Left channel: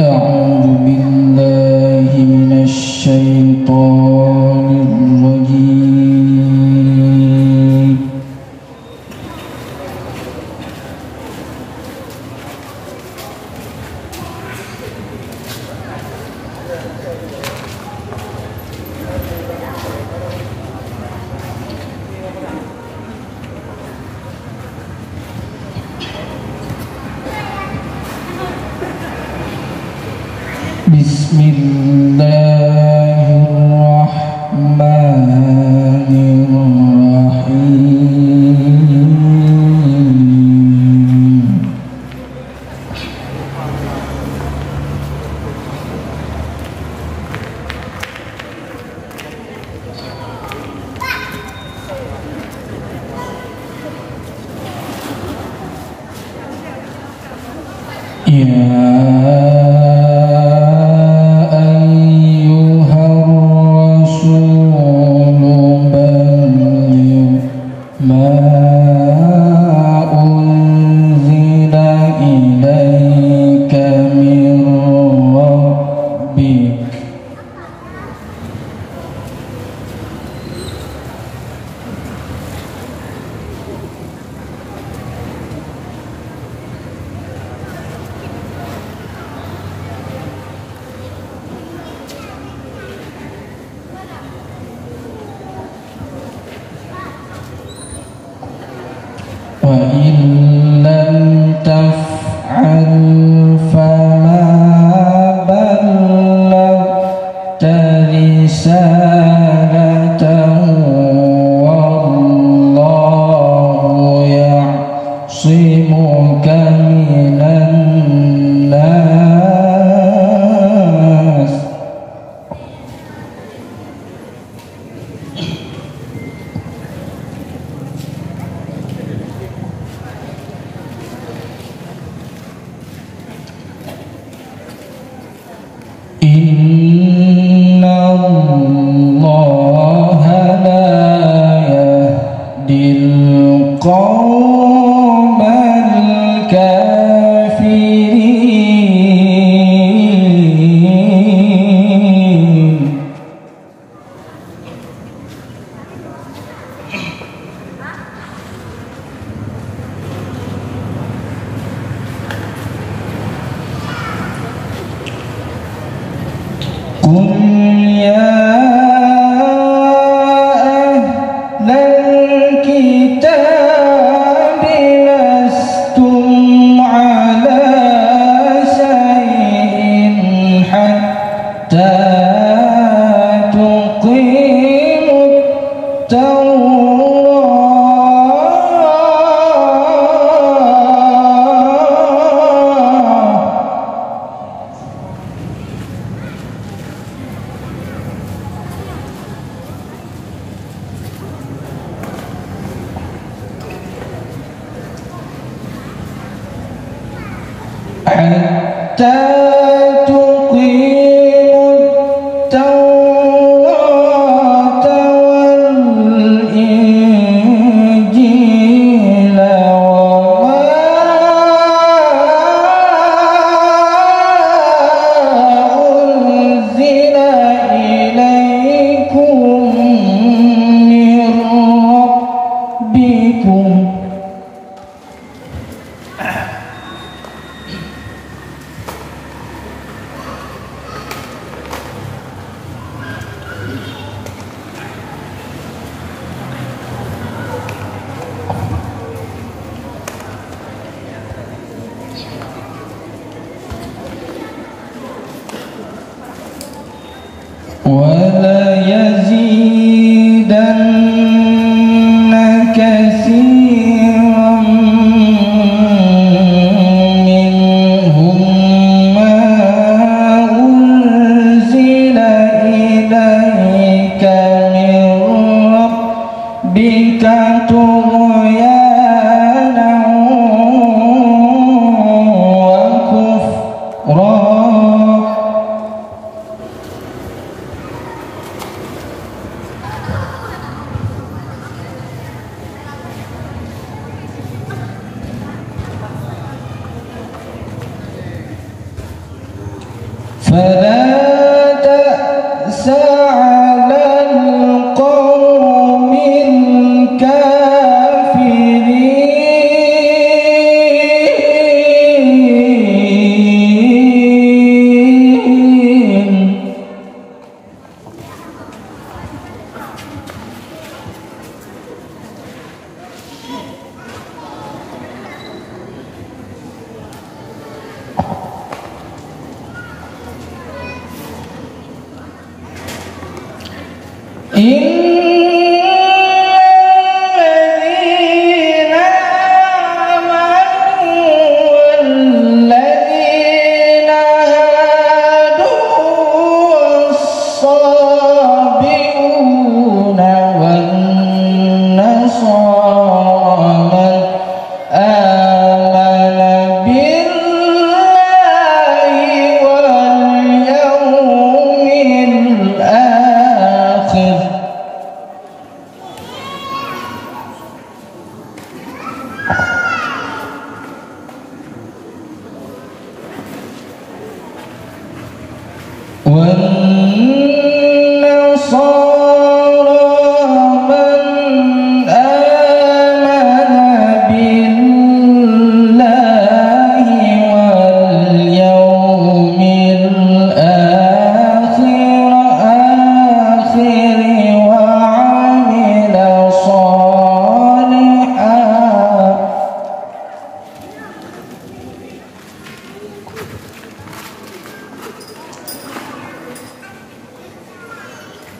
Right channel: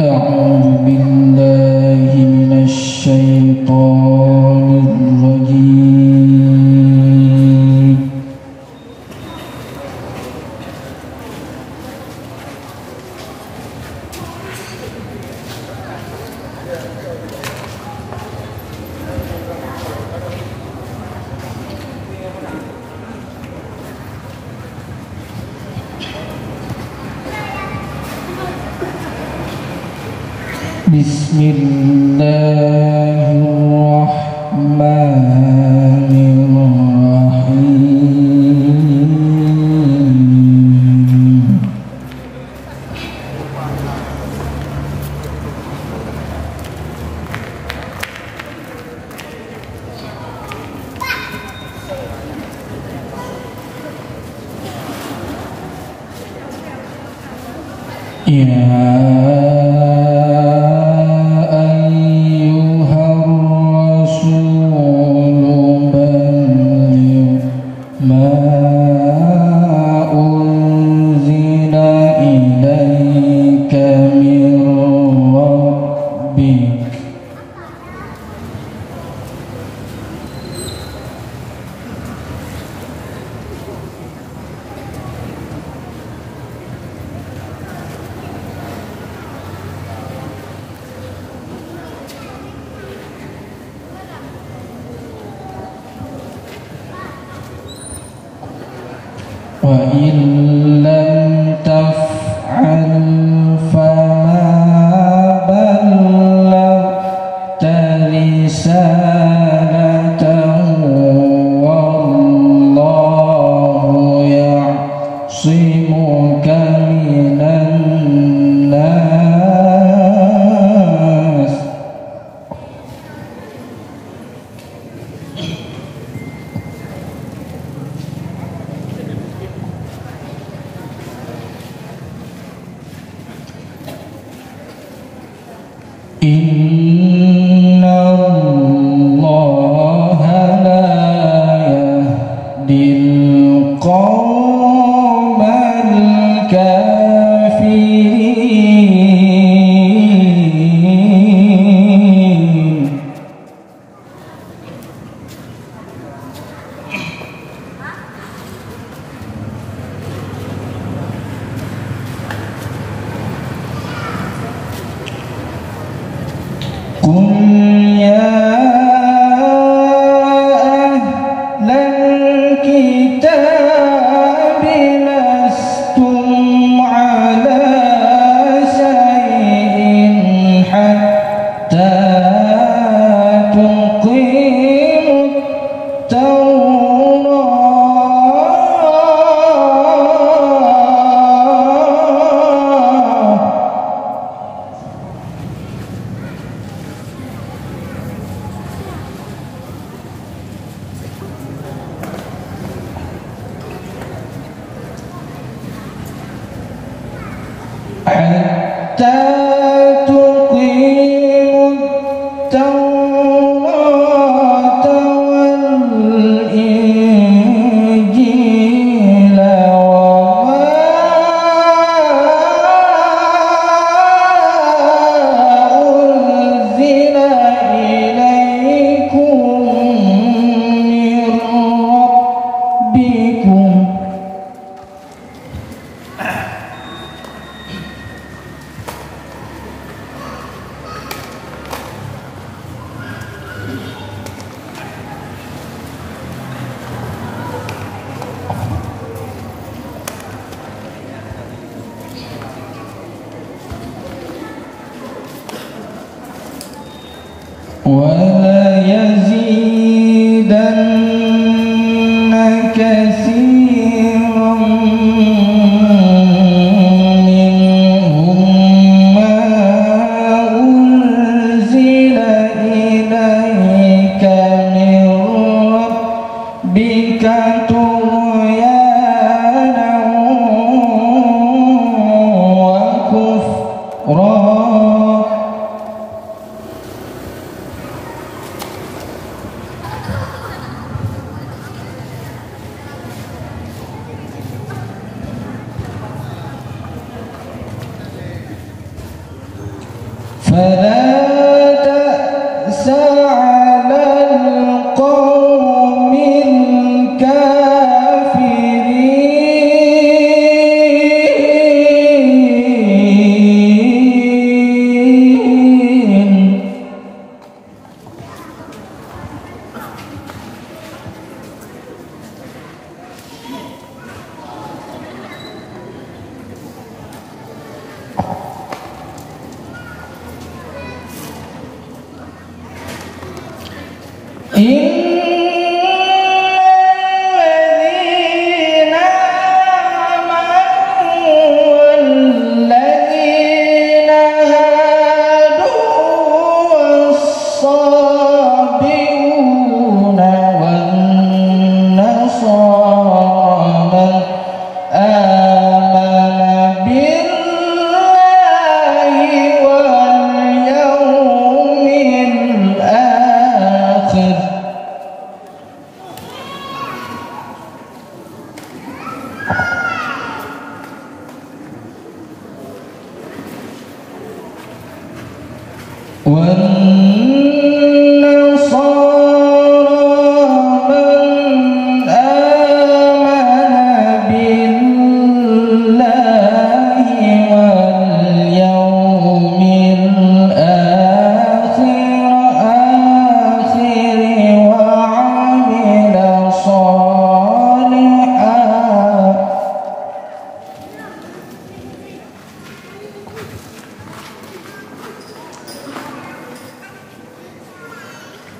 أعوذ بالله من الشيطان الرجيم. Bismillahirrahmanirrahim. وإن لم تفعل فما بلغت رسالته والله يعصمك من الناس. إن الله لا يهدي القوم الكافرين. قل يا أهل الكتاب لستم على شيء حتى تقيموا التوراة والإنجيل وما أنزل إليكم من ربكم. ولا يزيدن كثيرا منهم ما أنزل إليك من ربك طغيانا وكفرا. فلا تأس على القوم الكافرين. الذين آمنوا والذين هادوا والصابئون والنصارى من آمن بالله واليوم الآخر والنصارى من آمن بالله واليوم الآخر وعمل صالحا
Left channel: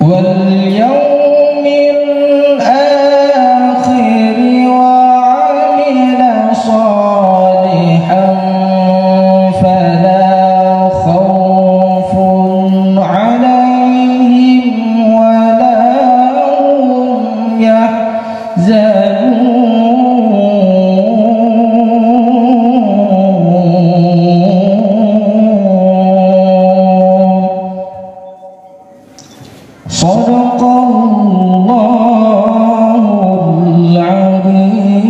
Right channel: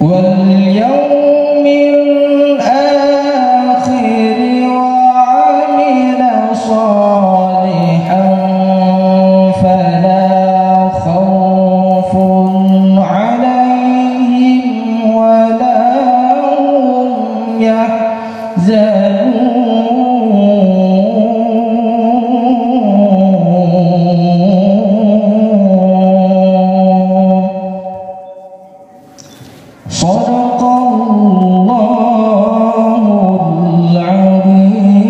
واليوم الآخر وعمل صالحا فلا خوف عليهم ولا هم يحزنون. صدق الله العظيم.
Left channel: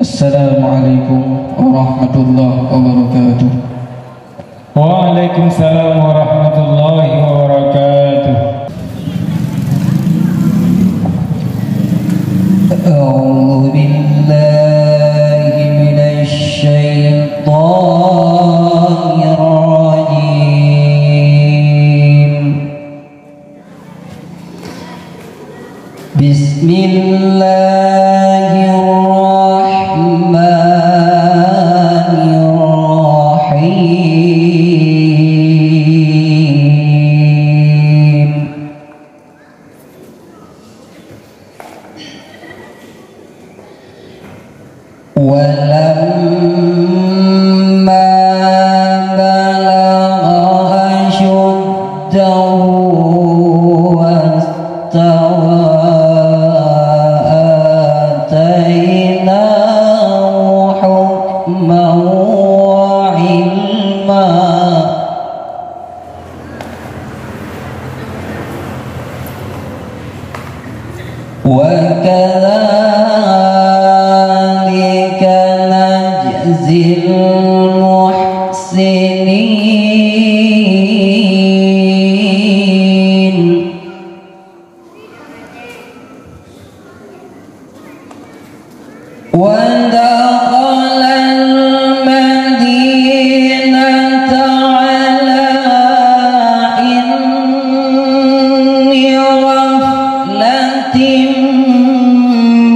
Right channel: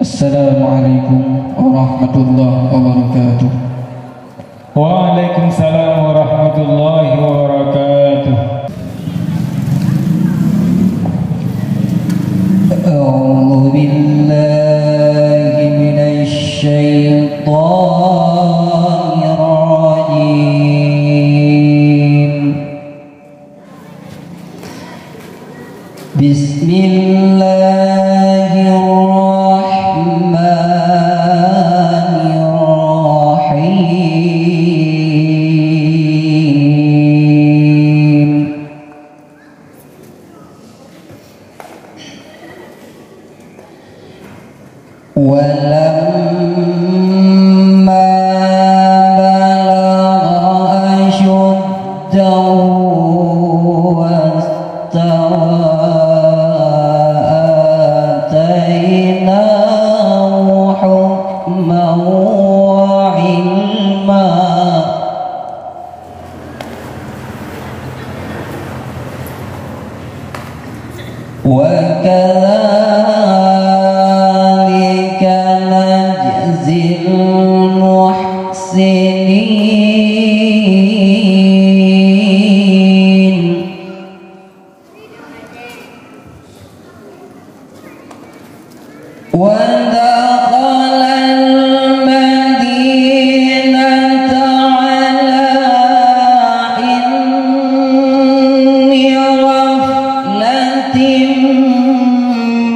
السلام عليكم ورحمة الله وبركاته. وعليكم السلام ورحمة الله وبركاته. أعوذ بالله من الشيطان الرجيم. بسم الله الرحمن الرحيم. ولما بلغ أشده واستوى آتيناه حكما وعلما. وكذلك نجزي المحسنين. ودخل المدينة على حين غفلة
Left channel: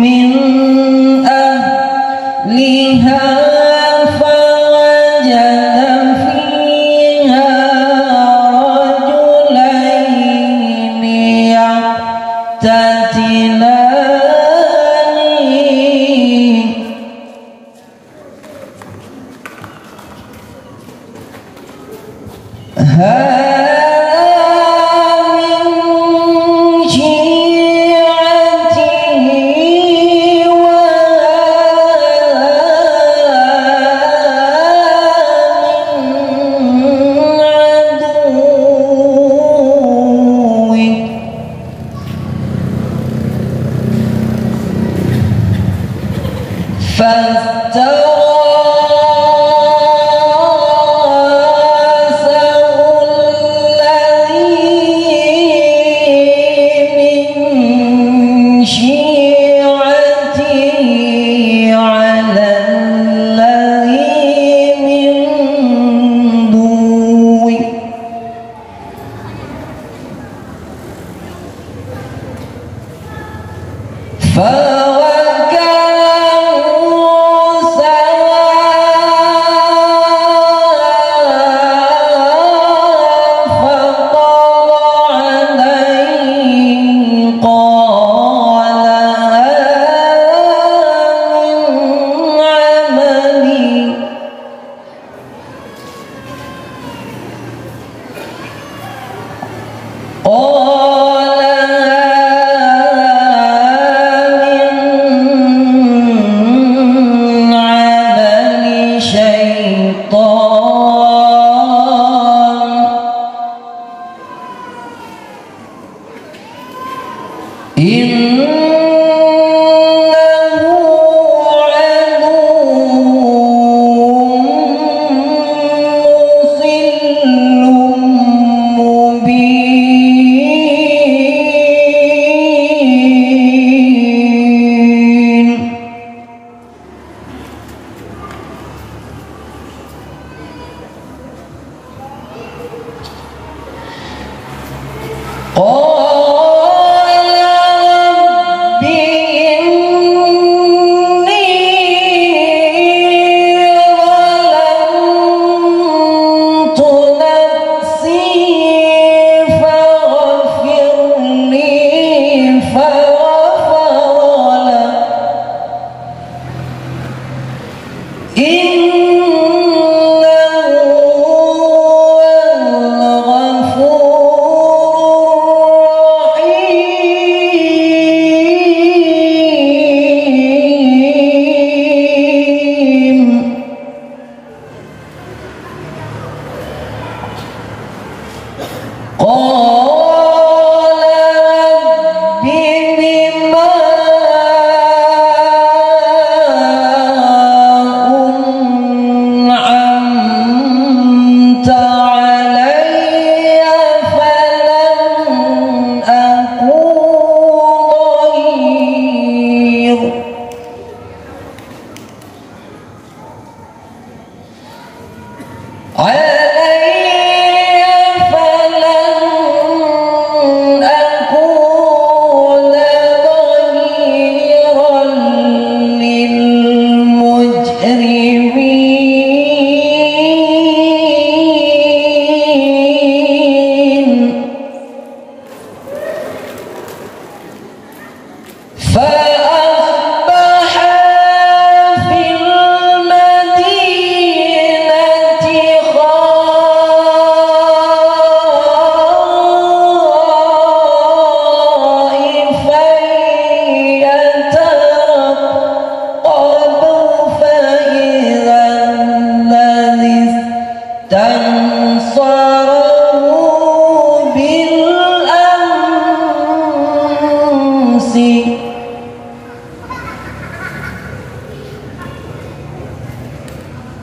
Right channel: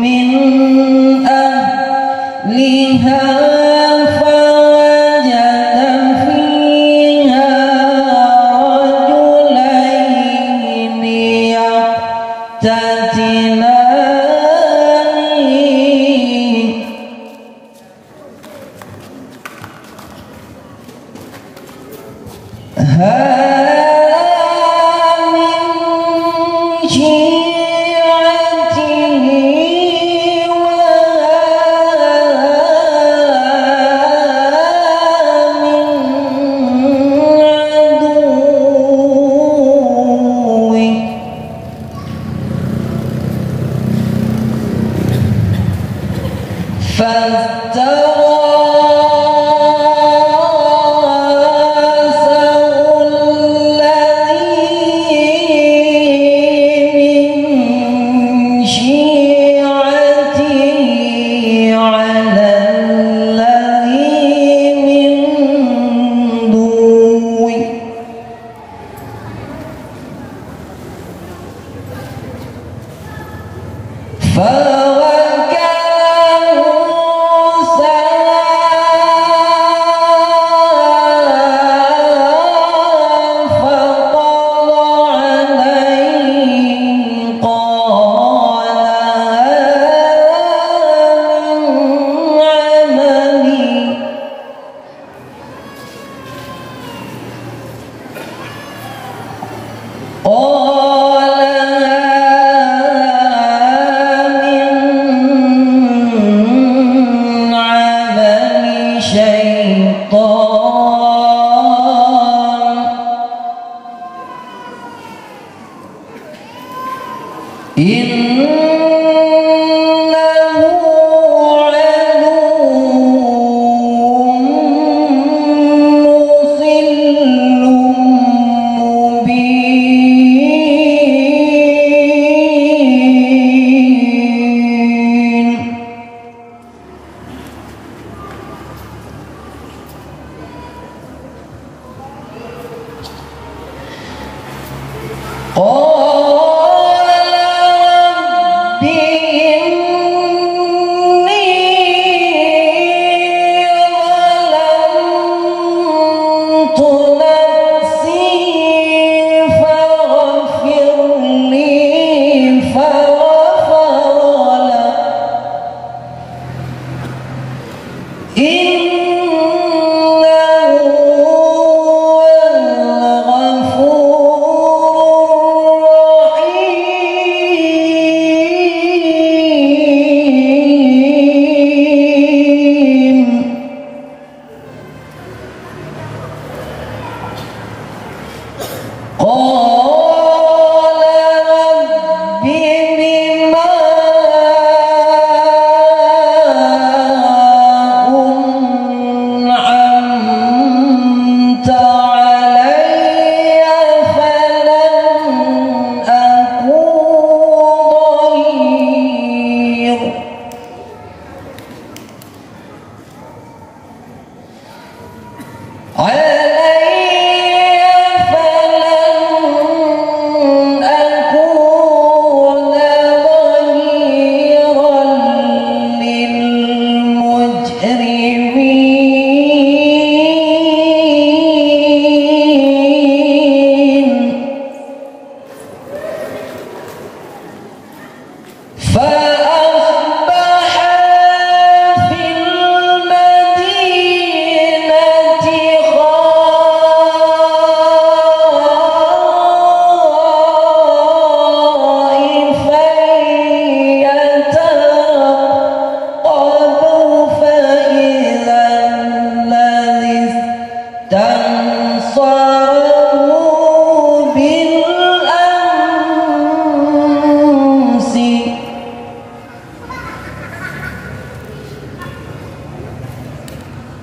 من أهلها فوجد فيها رجلين يقتتلان. من شيعته فاستوى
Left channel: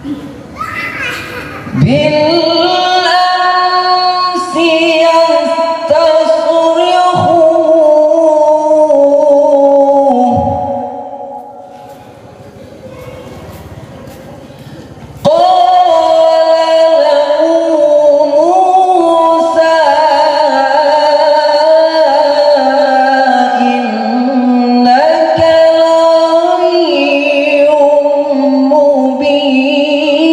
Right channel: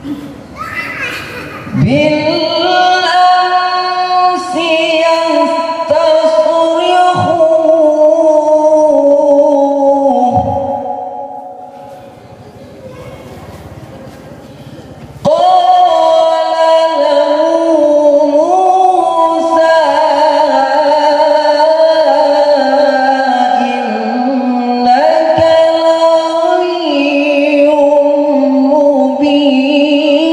بالأمس يستصرخون قال له موسى إنك لغوي مبين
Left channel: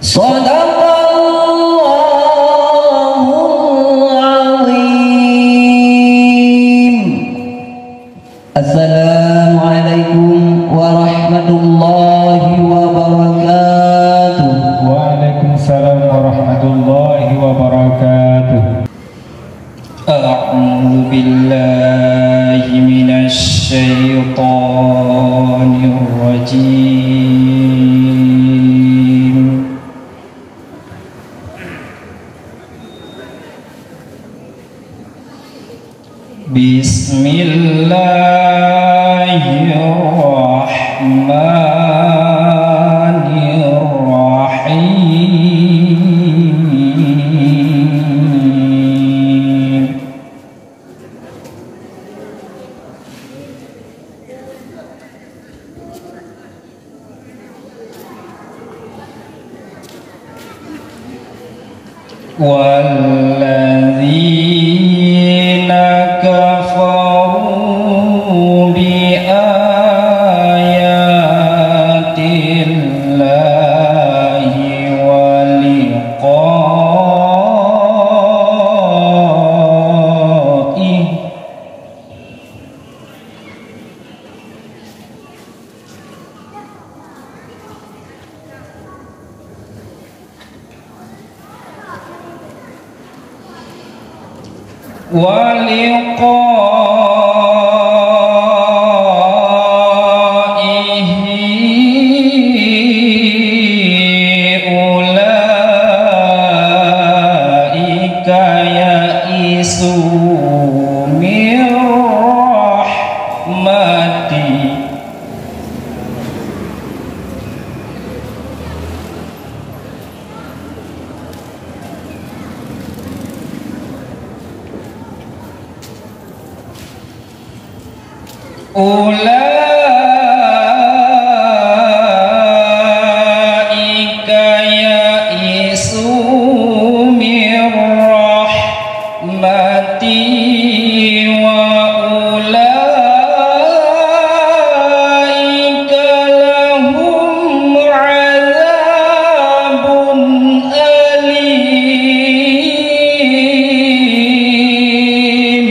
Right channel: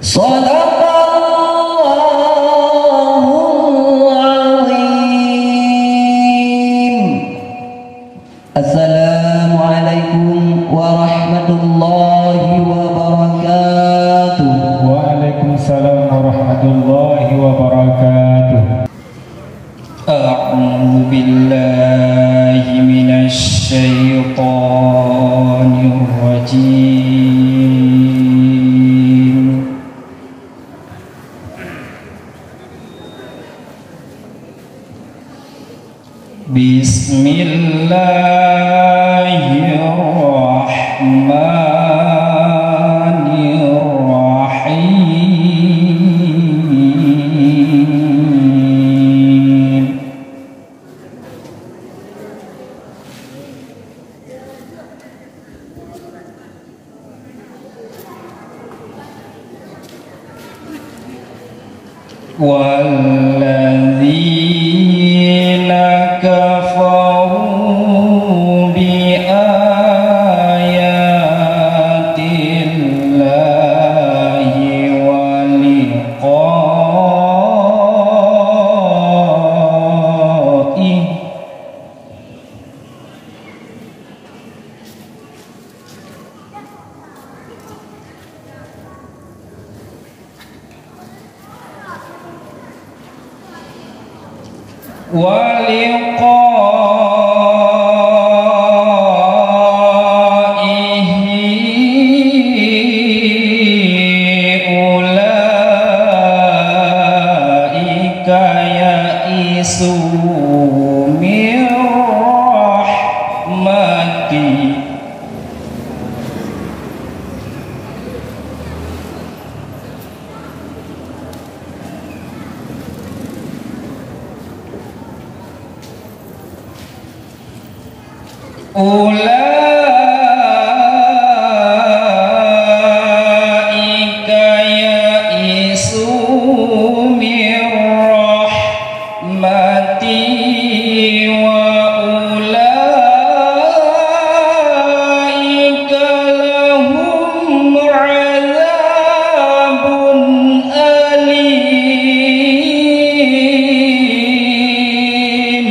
صدق الله العظيم. السلام عليكم ورحمة الله وبركاته. Waalaikumsalam warahmatullahi wabarakatuh. أعوذ بالله من الشيطان الرجيم. بسم الله الرحمن الرحيم. والذين كفروا بآيات الله ولقائه أولئك يئسوا من رحمتي أولئك يئسوا من رحمتي وأولئك لهم عذاب أليم.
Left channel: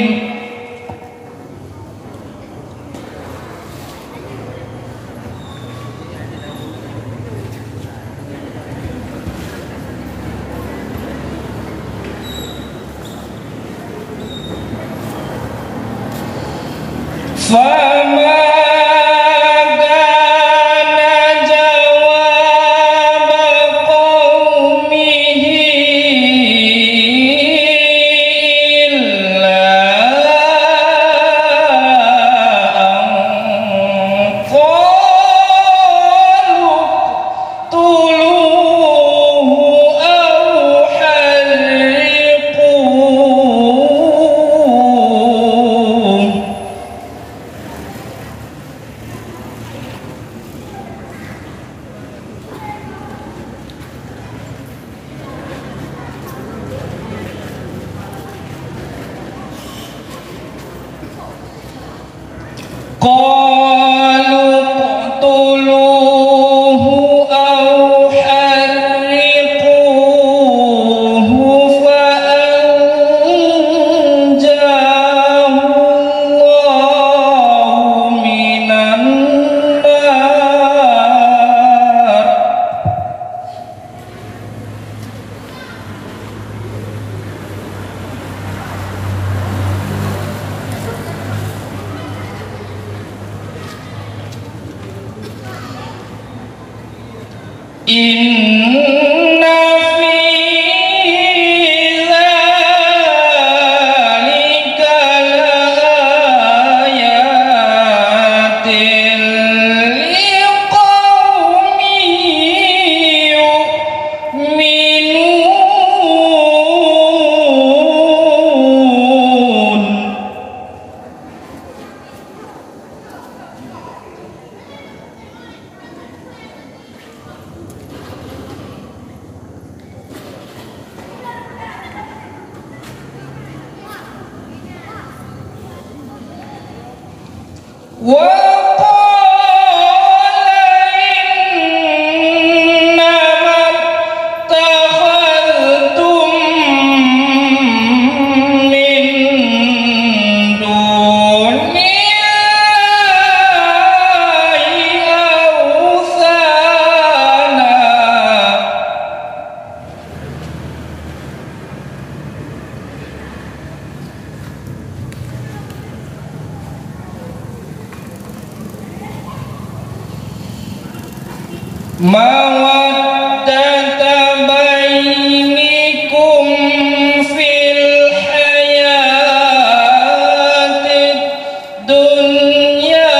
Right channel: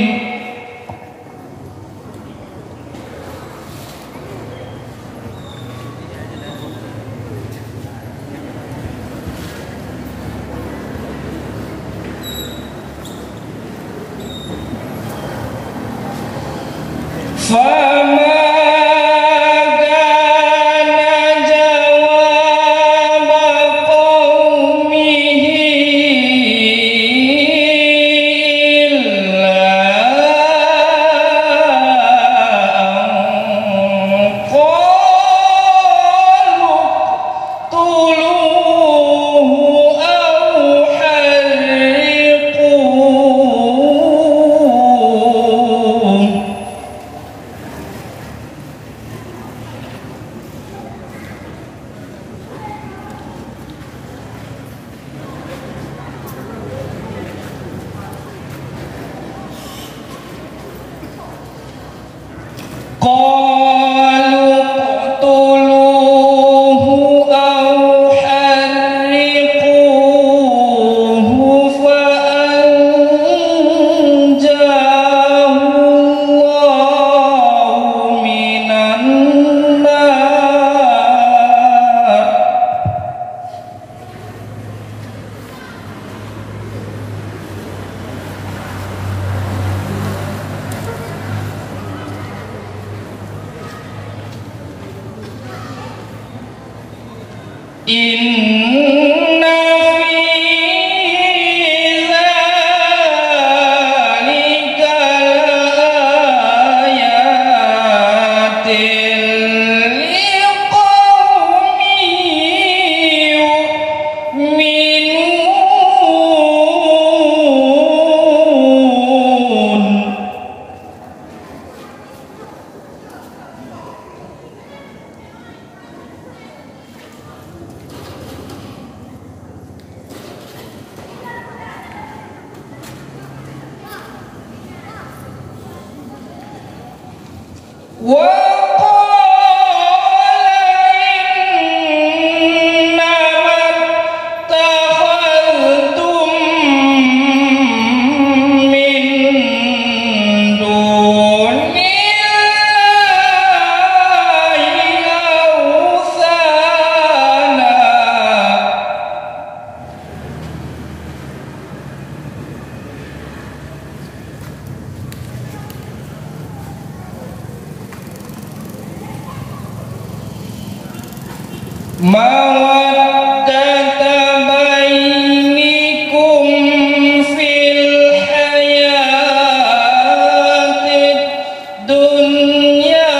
فما كان جواب قومه إلا أن قالوا اقتلوه أو حرقوه. قالوا اقتلوه أو حرقوه فأنجاه الله من النار. إن في ذلك لآية mawaddata bainikum fil hayatid dunya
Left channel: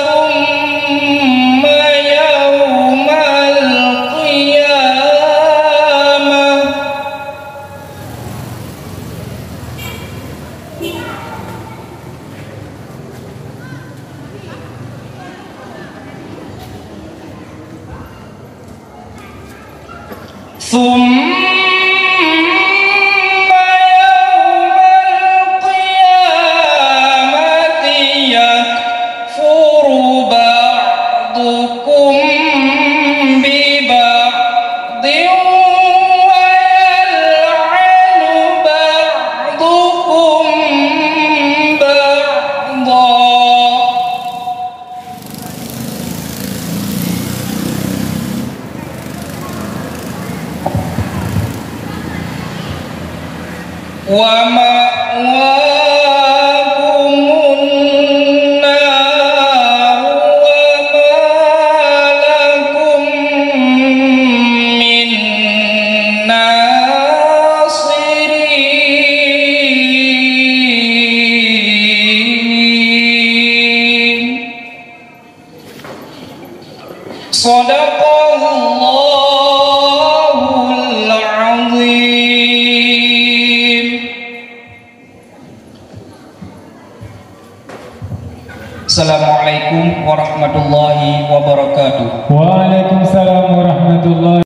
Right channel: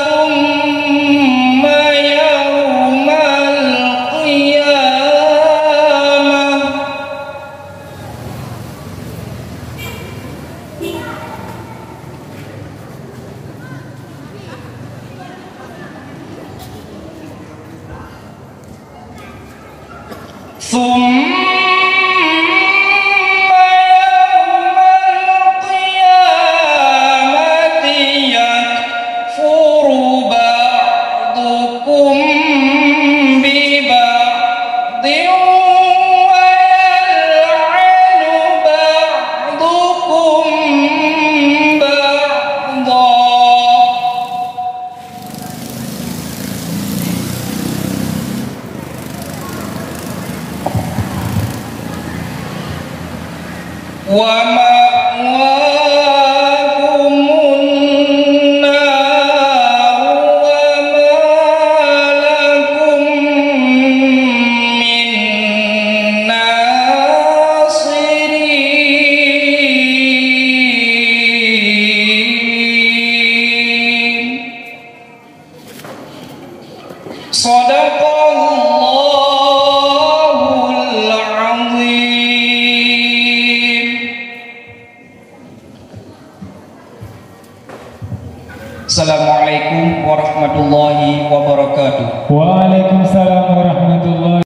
thumma yawmal qiyamah Summa yawmal qiyamati yakfuru ba'dukum bi ba'din wa yal'anu ba'dukum ba'da wa ma'wakumun nar wa ma lakum min nasirin. Shadaqallahul azim. Assalamualaikum warahmatullahi wabarakatuh. Waalaikumsalam warahmatullahi